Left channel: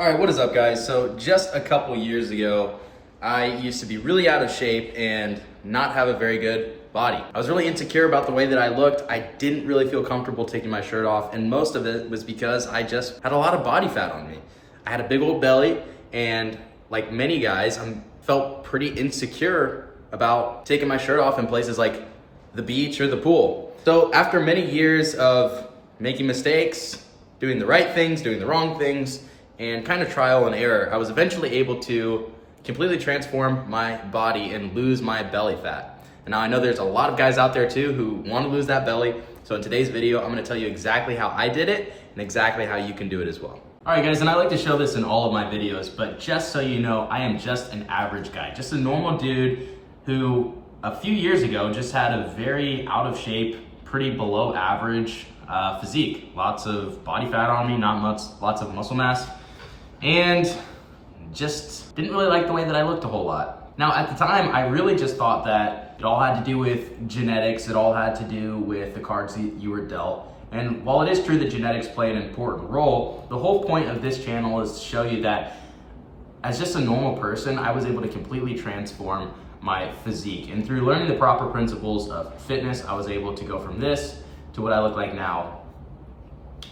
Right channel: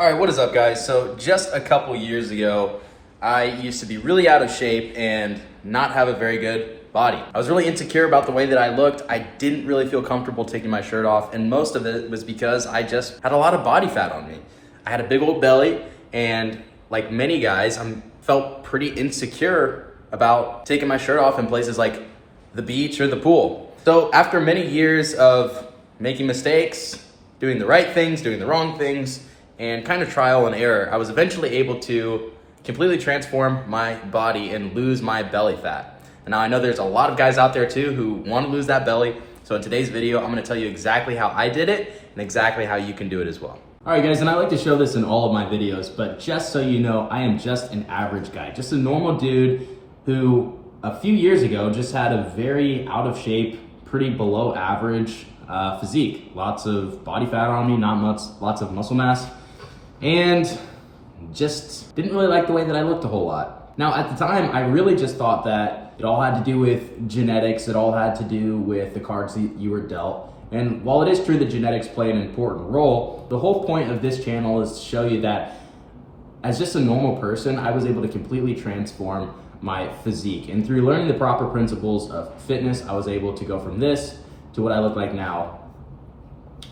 All right, what is up, guys? So just a couple years ago, I used to be really out of shape and not have a very good body. I was really insecure about the way that I looked. I didn't really feel comfortable taking my shirt off, and most of it was because I just had a lot of body fat on me. I had a big old belly, and like many guys, I felt pretty insecure about taking my shirt off in places like the beach or the pool. So after many years of making mistakes, doing the right things, doing the wrong things, and kind of trial and error, I was eventually able to completely transform my body and lose my belly fat. And now I know there's a lot of guys out there too who want to lose that belly. So in today's video, I'm going to tell you exactly how I did it and exactly how you can do it as well. All right, guys, and I like to show this in all of my videos, but just so you know, I am just an average guy, just a normal dude who a few years ago just had a very out of shape, pretty below average physique. Lots of body fat on me, not much, lots of muscle mass, and just didn't really like the way that I looked a whole lot. Now, at the time, I really just thought that it all had to do with genetics, it all had to do with the cards that you were dealt. And while it is true that genetics play an important role, the whole point of this channel is to show you that as just a normal person, I was able to completely transform my physique. And through learning the proper principles of fitness, I was able to go from this to what I look like now,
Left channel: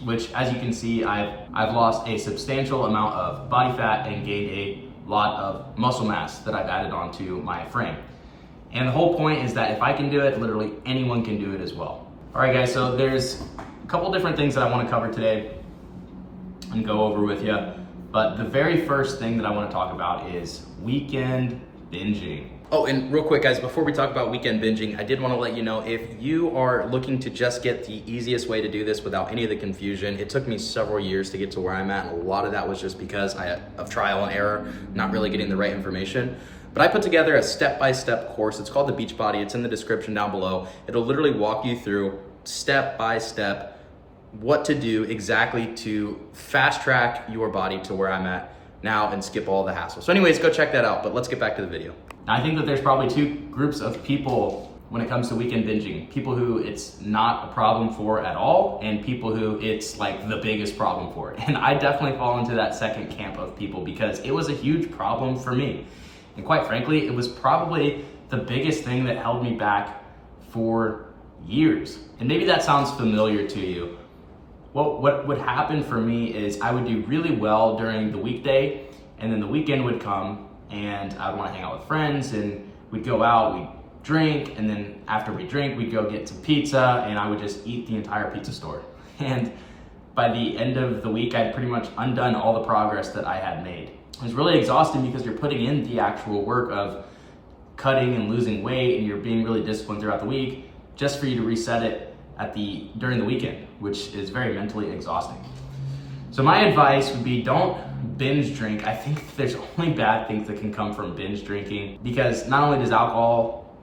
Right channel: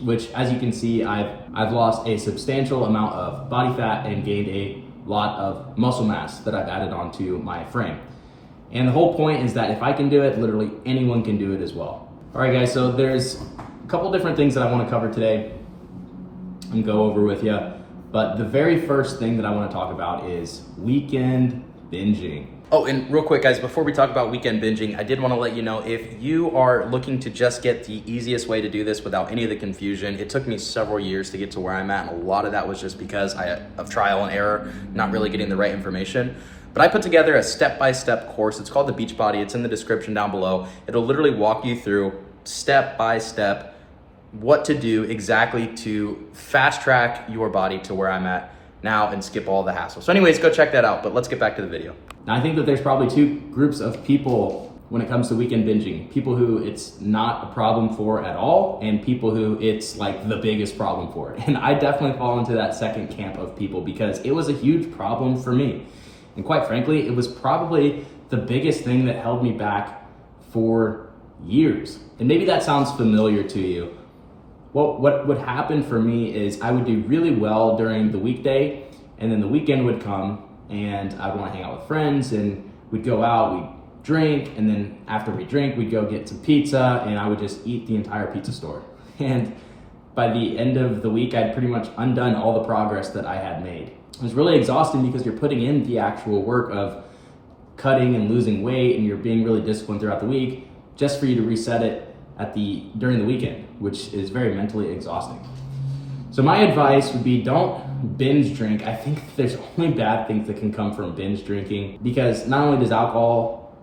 which, as you can see, I've lost a substantial amount of body fat and gained a lot of muscle mass that I've added onto my frame. And the whole point is that if I can do it, literally anyone can do it as well. All right, guys, so there's a couple different things that I want to cover today and go over with you. But the very first thing that I want to talk about is weekend binging. Oh, and real quick, guys, before we talk about weekend binging, I did want to let you know, if you are looking to just get the easiest way to do this without any of the confusion, it took me several years to get to where I'm at, and a lot of that was just because of trial and error, not really getting the right information. But I put together a step-by-step course. It's called the Beachbody. It's in the description down below. It'll literally walk you through step-by-step what to do exactly to fast-track your body to where I'm at now and skip all the hassle. So anyways, go check that out, but let's get back to the video. Now, I think that there's probably two groups of people when it comes to weekend binging. People who it's not a problem for at all, and people who it's like the biggest problem for. And I definitely fall into that second camp of people because it was a huge problem for me. And quite frankly, it was probably the biggest thing that held me back for years. And maybe that sounds familiar to you. What would happen for me is I would do really well during the weekday, and then the weekend would come and I'd want to hang out with friends, and we'd go out, we'd drink, and then after we drink, we'd go get some pizza, and I would just eat the entire pizza store. And by the end of the week, I'd pretty much undone all the progress that I had made. It was really exhausting because you're putting in the actual work of cutting and losing weight, and you're being really disciplined throughout the week just for you to reset it during the weekend, which is very mentally exhausting. So my advice would be, don't binge drink. I think there's only bad things that can come from binge drinking, because not only does alcohol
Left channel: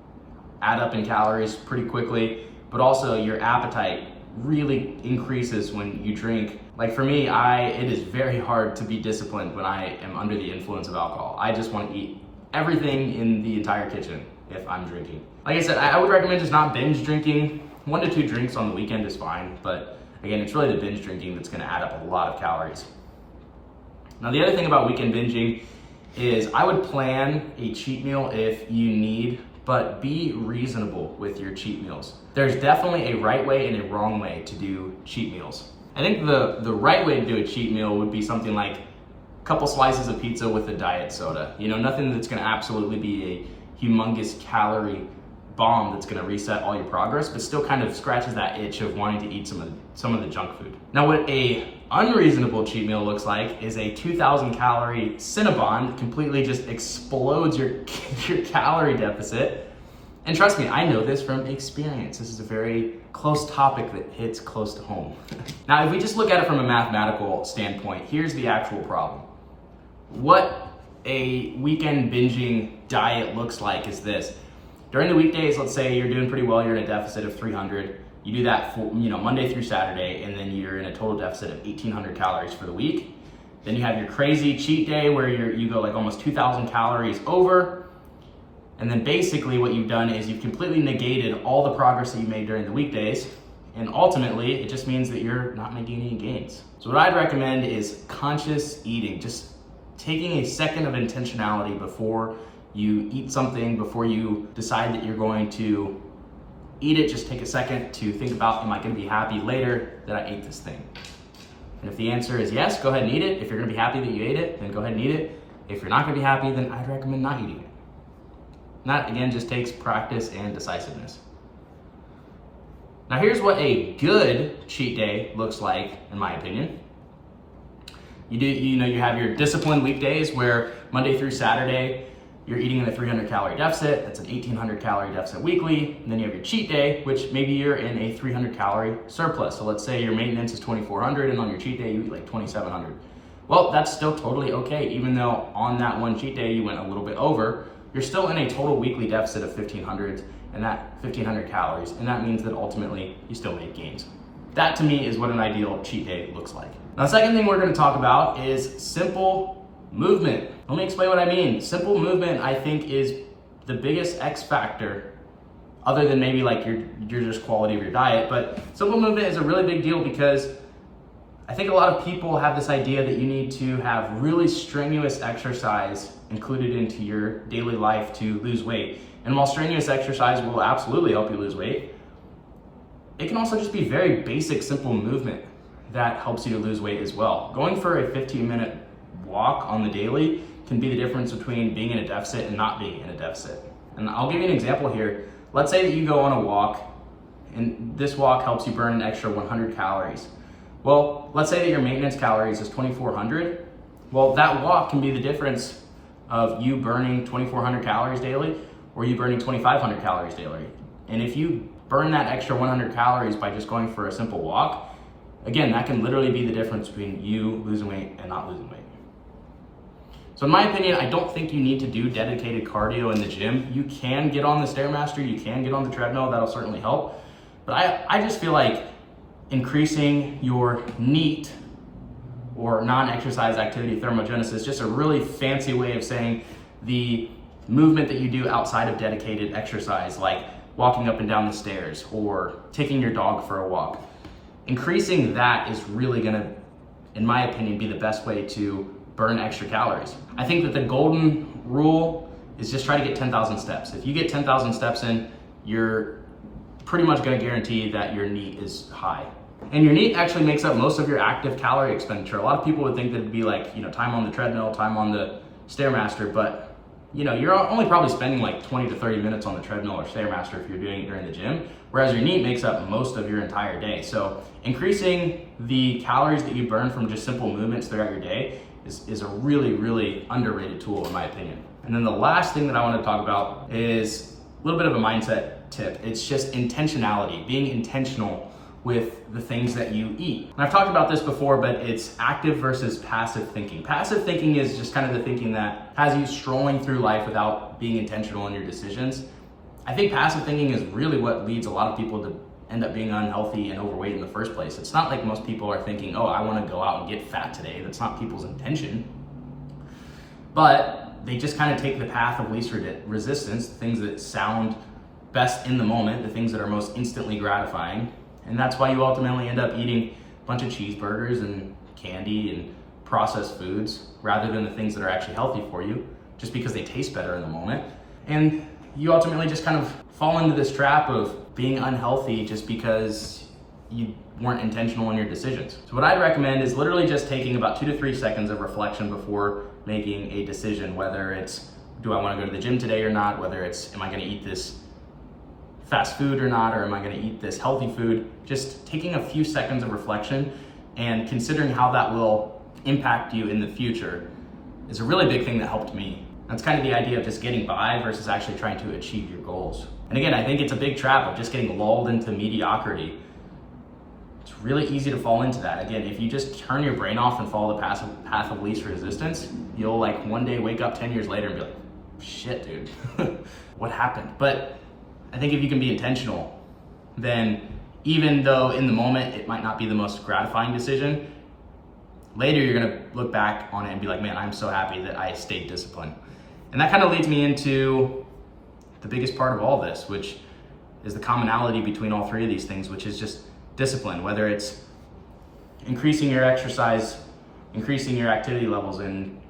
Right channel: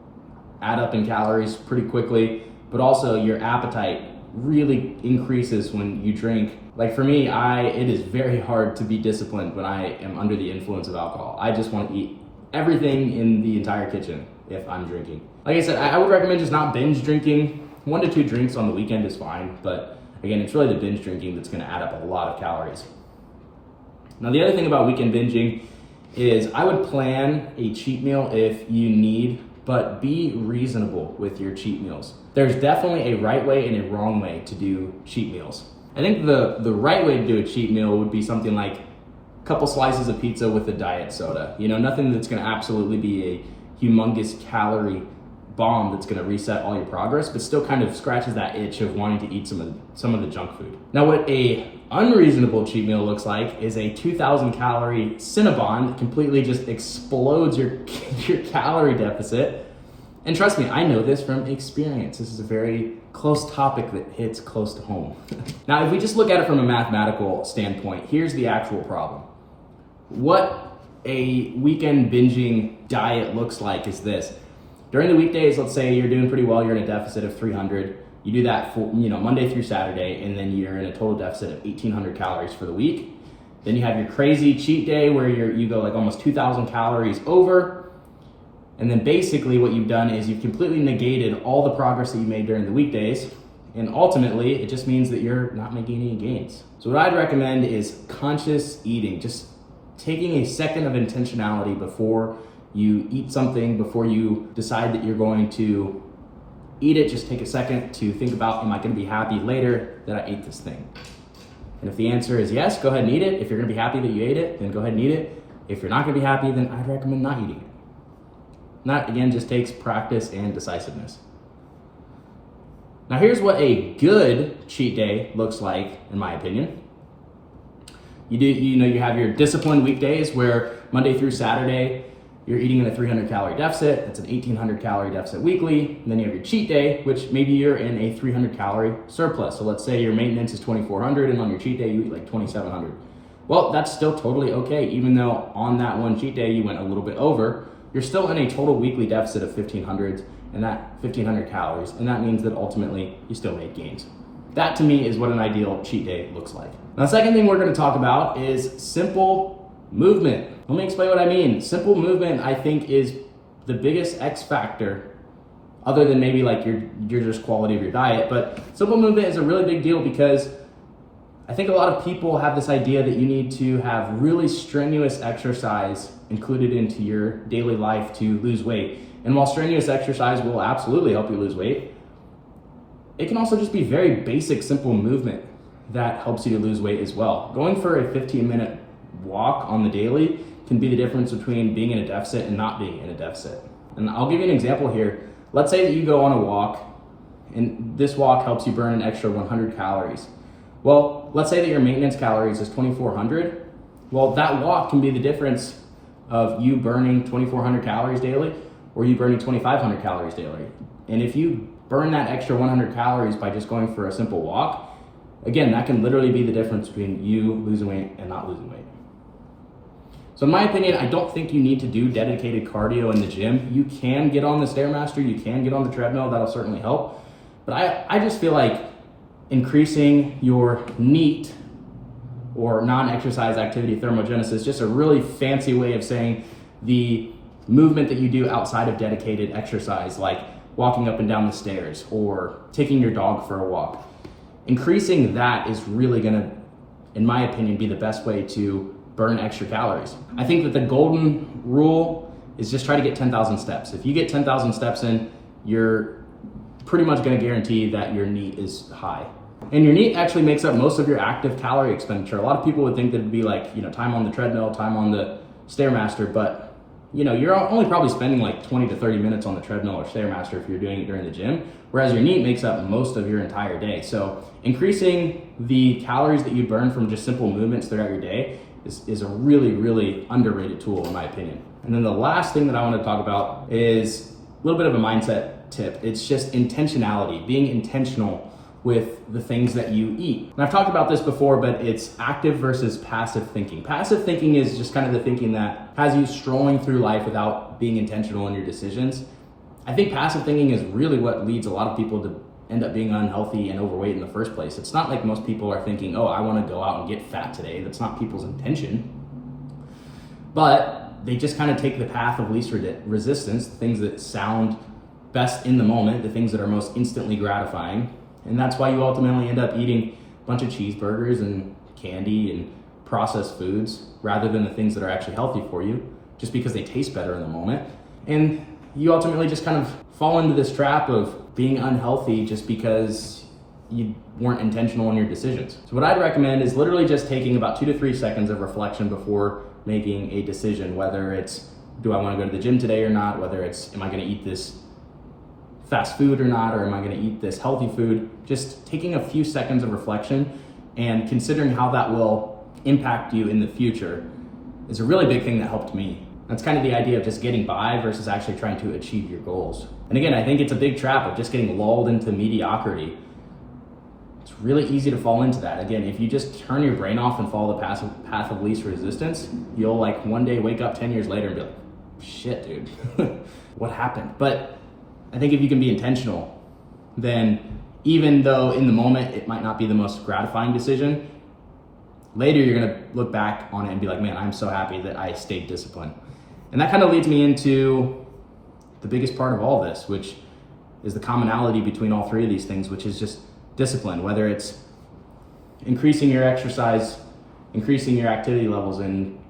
add up in calories pretty quickly, but also your appetite really increases when you drink. Like for me, it is very hard to be disciplined when I am under the influence of alcohol. I just want to eat everything in the entire kitchen if I'm drinking. Like I said, I would recommend just not binge drinking. 1 to 2 drinks on the weekend is fine, but again, it's really the binge drinking that's going to add up a lot of calories. Now, the other thing about weekend binging is I would plan a cheat meal if you need, but be reasonable with your cheat meals. There's definitely a right way and a wrong way to do cheat meals. I think the right way to do a cheat meal would be something like a couple slices of pizza with a diet soda. You know, nothing that's going to absolutely be a humongous calorie bomb that's going to reset all your progress, but still kind of scratches that itch of wanting to eat some of the junk food. Now, what a unreasonable cheat meal looks like is a 2,000 calorie Cinnabon that completely just explodes your calorie deficit. And trust me, I know this from experience. This is a very close topic that hits close to home. Now, if we just look at it from a mathematical standpoint, here's the actual problem. What a weekend binging diet looks like is this. During the weekdays, let's say you're doing pretty well, you're in a deficit of 300. You do that for, Monday through Saturday, and then you're in a total deficit of 1,800 calories for the week. Then you have your crazy cheat day where you go like almost 2,000 calories over. And then basically what you've done is you've completely negated all the progress that you made during the weekdays, And ultimately, it just means that you're not making any gains. So what I'd recommend is conscious eating, just taking a second of intentionality before you eat something, before you decide that you're going to eat it. Just take a second to think about, am I gonna be happy later that I ate this thing? And if the answer is yes, go ahead and eat it. If you're gonna be happy that you ate it, then go ahead and eat it. If you're not gonna be happy, then I'd recommend not eating it. And that, again, just takes practice and decisiveness. Now here's what a good cheat day looks like, in my opinion. You have your disciplined weekdays where Monday through Saturday, you're eating in a 300 calorie deficit. That's an 1,800 calorie deficit weekly. And then you have your cheat day, which maybe you're in a 300 calorie surplus. So let's say your maintenance is 2,400 and on your cheat day, you eat like 2,700. Well, that's still totally okay. Even though on that one cheat day, you went a little bit over, you're still in a total weekly deficit of 1,500 and that 1,500 calories. And that means that ultimately you still made gains. That to me is what an ideal cheat day looks like. Now, the second thing we're gonna talk about is simple movement. Let me explain what I mean. Simple movement, I think, is the biggest X factor, other than maybe like your just quality of your diet. But simple movement is a really big deal because I think a lot of people have this idea that you need to have really strenuous exercise included into your daily life to lose weight. And while strenuous exercise will absolutely help you lose weight, it can also just be very basic, simple movement that helps you to lose weight as well. Going for a 15-minute walk on the daily can be the difference between being in a deficit and not being in a deficit. And I'll give you an example here. Let's say that you go on a walk and this walk helps you burn an extra 100 calories. Well, let's say that your maintenance calories is 2,400. Well, that walk can be the difference of you burning 2,400 calories daily or you burning 2,500 calories daily. And if you burn that extra 100 calories by just going for a simple walk, again, that can literally be the difference between you losing weight and not losing weight. So in my opinion, I don't think you need to do dedicated cardio in the gym. You can get on the Stairmaster, you can get on the treadmill, that'll certainly help. But I just feel like increasing your NEAT or non-exercise activity thermogenesis, just a really fancy way of saying the movement that you do outside of dedicated exercise, like walking up and down the stairs or taking your dog for a walk. Increasing that is really gonna, in my opinion, be the best way to burn extra calories. I think that the golden rule is just try to get 10,000 steps. If you get 10,000 steps in, you're pretty much gonna guarantee that your NEAT is high. And your NEAT actually makes up most of your active calorie expenditure. A lot of people would think that it'd be like, time on the treadmill, time on the Stairmaster, but you're only probably spending like 20 to 30 minutes on the treadmill or Stairmaster if you're doing it during the gym, whereas your NEAT makes up most of your entire day. So increasing the calories that you burn from just simple movements throughout your day is a really, really underrated tool in my opinion. And then the last thing that I want to talk about is a little bit of a mindset tip. It's just intentionality, being intentional with the things that you eat. And I've talked about this before, but it's active versus passive thinking. Passive thinking is just kind of the thinking that has you strolling through life without being intentional in your decisions. I think passive thinking is really what leads a lot of people to end up being unhealthy and overweight in the first place. It's not like most people are thinking, oh, I want to go out and get fat today. That's not people's intention. But they just kind of take the path of least resistance, the things that sound best in the moment, the things that are most instantly gratifying. And that's why you ultimately end up eating a bunch of cheeseburgers and candy and processed foods rather than the things that are actually healthy for you, just because they taste better in the moment. And you ultimately just kind of fall into this trap of being unhealthy just because you weren't intentional in your decisions. So what I'd recommend is literally just taking about 2 to 3 seconds of reflection before making a decision, whether it's, do I want to go to the gym today or not? Whether it's, am I going to eat this fast food or not, or am I gonna eat this healthy food? Just taking a few seconds of reflection and considering how that will impact you in the future is a really big thing that helped me. That's kind of the idea of just getting by versus actually trying to achieve your goals. And again, I think it's a big trap of just getting lulled into mediocrity. It's really easy to fall into that. Again, if you just turn your brain off and follow the path of least resistance, you'll like one day wake up 10 years later and be like, shit, dude, what happened? But I think if you can be intentional, then even though in the moment it might not be the most gratifying decision, later you're gonna look back on it and be like, man, I'm so happy that I stayed disciplined. And that kind of leads me into the biggest part of all this, which is the commonality between all three of these things, which is just discipline, whether it's increasing your exercise, increasing your activity levels, and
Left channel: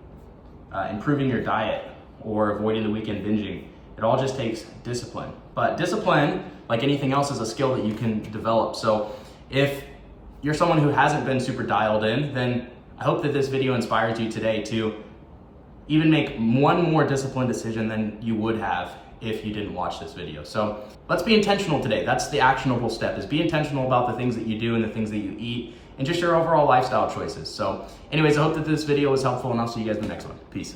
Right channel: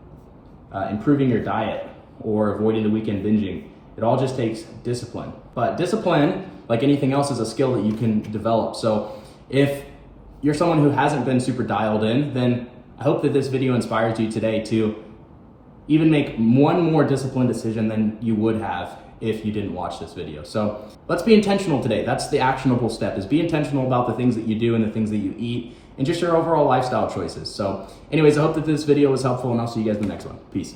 improving your diet, or avoiding the weekend binging. It all just takes discipline. But discipline, like anything else, is a skill that you can develop. So if you're someone who hasn't been super dialed in, then I hope that this video inspires you today to even make one more disciplined decision than you would have if you didn't watch this video. So let's be intentional today. That's the actionable step, is be intentional about the things that you do and the things that you eat and just your overall lifestyle choices. So anyways, I hope that this video was helpful, and I'll see you guys in the next one. Peace.